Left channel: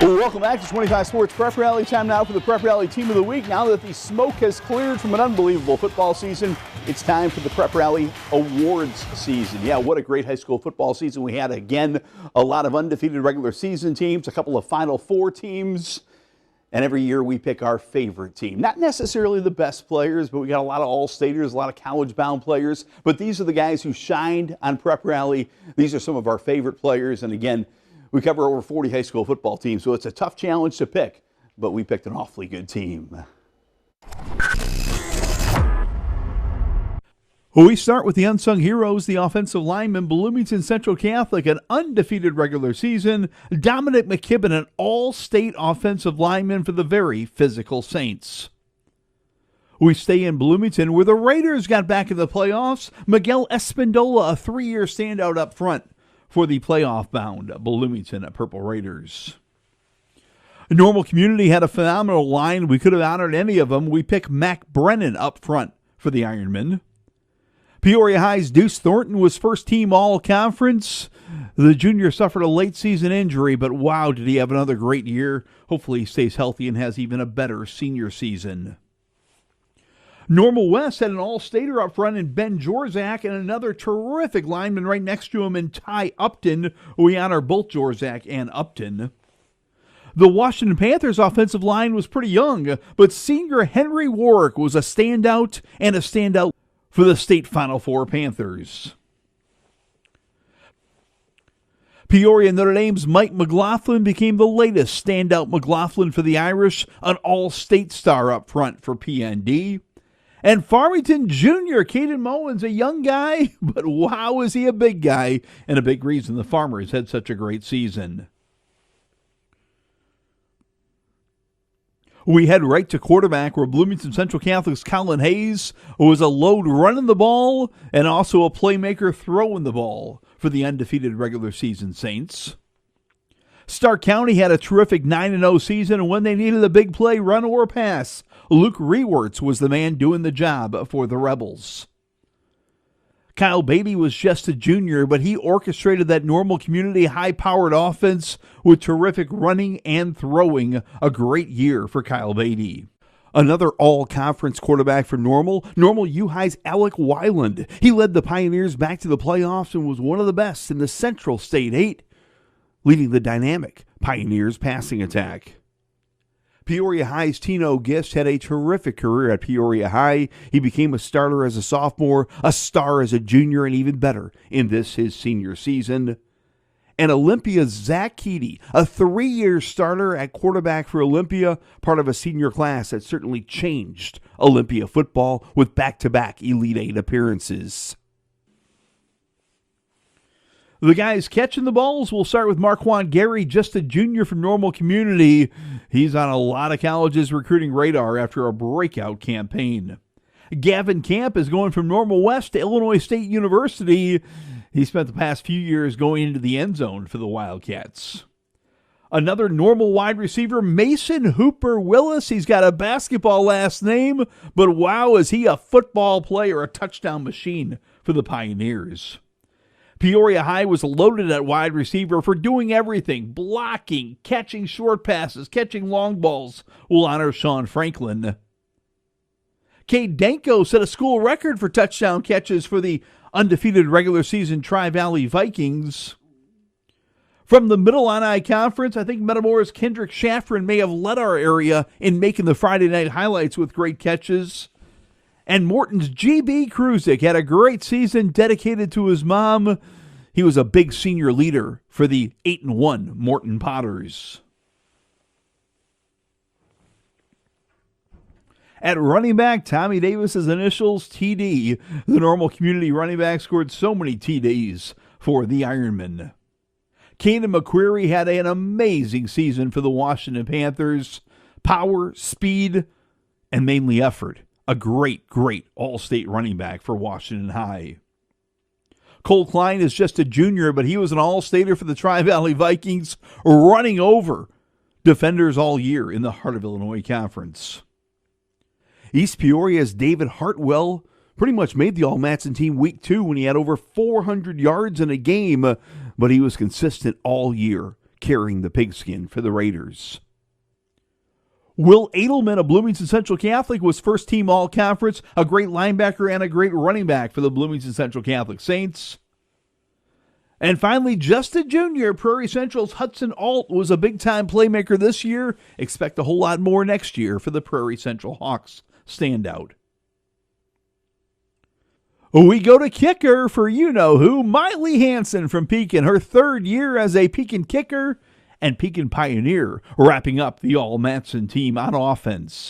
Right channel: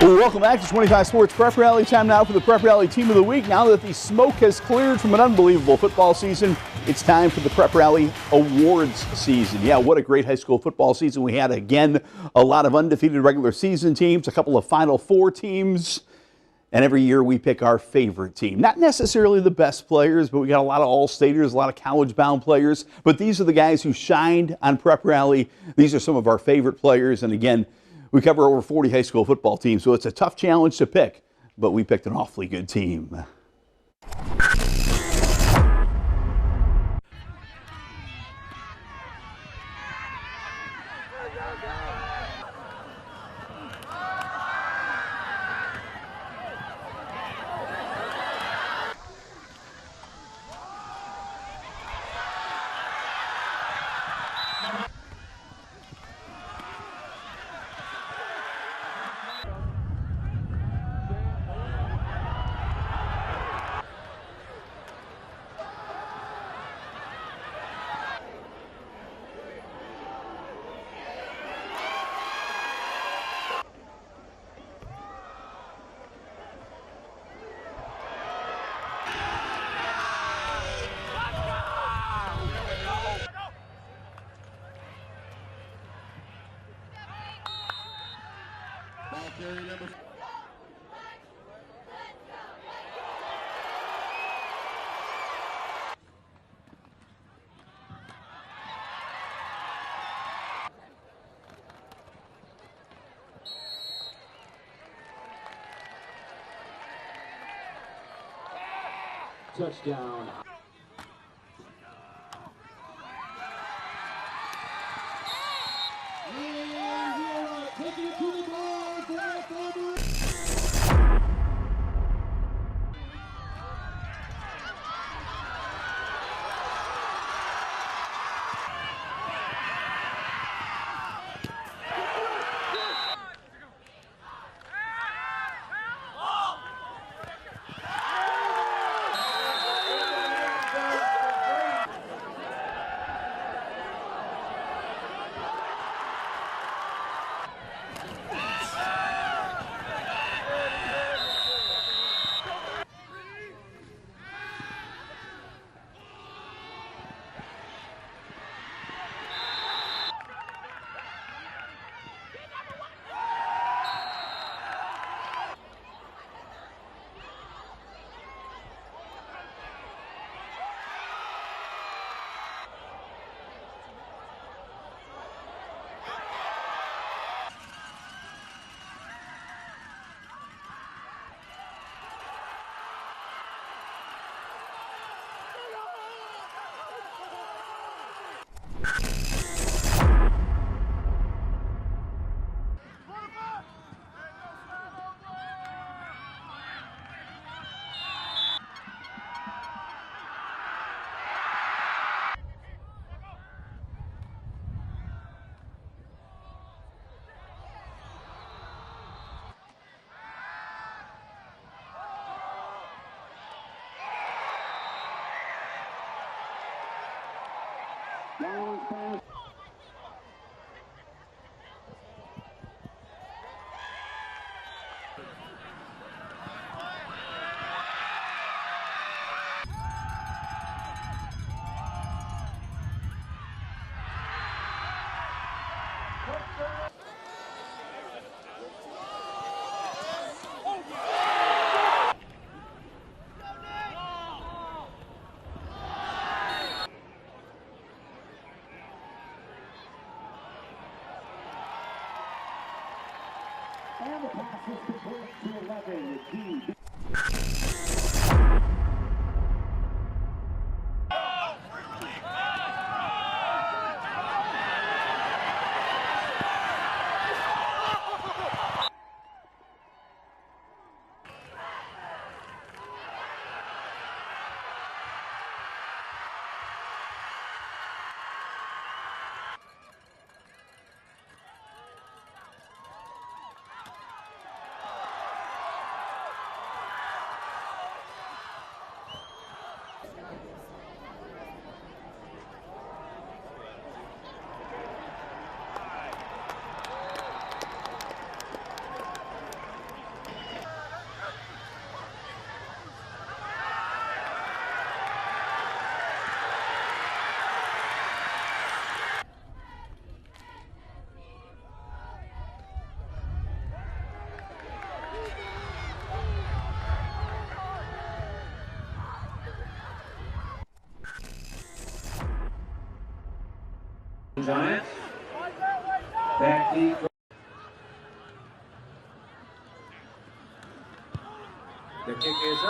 Well, welcome back to 25 Sports Prep Rally. Time now for the Prep Rally Team of the Week. Now that the smoke has cleared from an unbelievable football season, it's time for the Prep Rally Awards season. Yeah, what a great high school football season we had. Again, a lot of undefeated regular season teams, a couple of Final Four teams, and every year we pick our favorite team. Not necessarily the best players, but we got a lot of all-staters, a lot of college-bound players. But these are the guys who shined on Prep Rally. These are some of our favorite players, and again, we cover over 40 high school football teams, so it's a tough challenge to pick, but we picked an awfully good team. Well, we start with the unsung heroes, the offensive lineman, Bloomington Central Catholic, an undefeated regular season. Dominic McKibben, an all-state offensive lineman for the very physical Saints. We stay in Bloomington, where the Raiders got back in the playoffs. Miguel Espindola, a three-year standout up front for the playoff-bound Bloomington Purple Raiders. Normal Community had a phenomenal line. We could have honored any of them. We picked Mac Brennan up front for the Ironmen. Peoria High's Deuce Thornton was first-team all-conference. The junior suffered a late-season injury, but wow, did he have another great year. Hopefully he stays healthy and has even a better senior season. Normal West had an all-stater up front in Ben Jorzak and another terrific lineman right next to him in Ty Upton. We honor both Jorzak and Upton. The Washington Panthers offensive line was pretty young, but senior Henry Warwick was a standout for the state Final Four Panthers. Peoria Notre Dame's Mike McLaughlin became the latest standout McLaughlin for the Irish, an all-state star up front for PND. And Farmington Jr., Caden Mullins, a young guy, but wow, is he a big guy, and a big reason the Farmers had such a great season. We head right to quarterback, where Bloomington Central Catholic's Colin Hayes was a load running the ball and also a playmaker throwing the ball for the undefeated regular season Saints. Stark County had a terrific 9-0 season, and when they needed a big play, run or pass, Luke Rewerts was the man doing the job for the Rebels. Kyle Beatty was just a junior, but he orchestrated that Normal Community high-powered offense with terrific running and throwing. A great year for Kyle Beatty. Another all-conference quarterback for Normal U High's Alec Weiland. He led the Pioneers back to the playoffs and was one of the best in the Central State 8, leading the dynamic Pioneers passing attack. Peoria High's Tino Gist had a terrific career at Peoria High. He became a starter as a sophomore, a star as a junior, and even better in this, his senior season. And Olympia's Zach Keedy, a 3-year starter at quarterback for Olympia, part of a senior class that certainly changed Olympia football with back-to-back Elite 8 appearances. The guys catching the balls, we'll start with Marquand Gary, just a junior from Normal Community. He's on a lot of colleges' recruiting radar after a breakout campaign. Gavin Camp is going from Normal West to Illinois State University. He spent the past few years going into the end zone for the Wildcats. Another Normal wide receiver, Mason Hooper Willis. He's got a basketball last name, but wow, is he a football player, a touchdown machine for the Pioneers. Peoria High was loaded at wide receiver for doing everything, blocking, catching short passes, catching long balls. We'll honor Sean Franklin. Cade Danko set a school record for touchdown catches for the undefeated regular season Tri-Valley Vikings. From the Middle Illini Conference, I think Metamora's Kendrick Shafrin may have led our area in making the Friday night highlights with great catches. And Morton's G.B. Kruzik had a great season dedicated to his mom. He was a big senior leader for the 8-1 Morton Potters. At running back, Tommy Davis's initials, TD. The Normal Community running back scored so many TDs for the Ironmen. Kanan McCreary had an amazing season for the Washington Panthers. Power, speed, and mainly effort. A great all-state running back for Washington High. Cole Klein is just a junior, but he was an all-stater for the Tri-Valley Vikings, running over defenders all year in the Heart of Illinois Conference. East Peoria's David Hartwell pretty much made the All-Matson team week 2 when he had over 400 yards in a game, but he was consistent all year carrying the pigskin for the Raiders. Will Edelman of Bloomington Central Catholic was first-team all-conference, a great linebacker and a great running back for the Bloomington Central Catholic Saints. And finally, Justin Jr., Prairie Central's Hudson Alt, was a big-time playmaker this year. Expect a whole lot more next year for the Prairie Central Hawks standout. We go to kicker for you-know-who, Miley Hansen from Pekin, her third year as a Pekin kicker and Pekin Pioneer, wrapping up the All-Matson team on offense.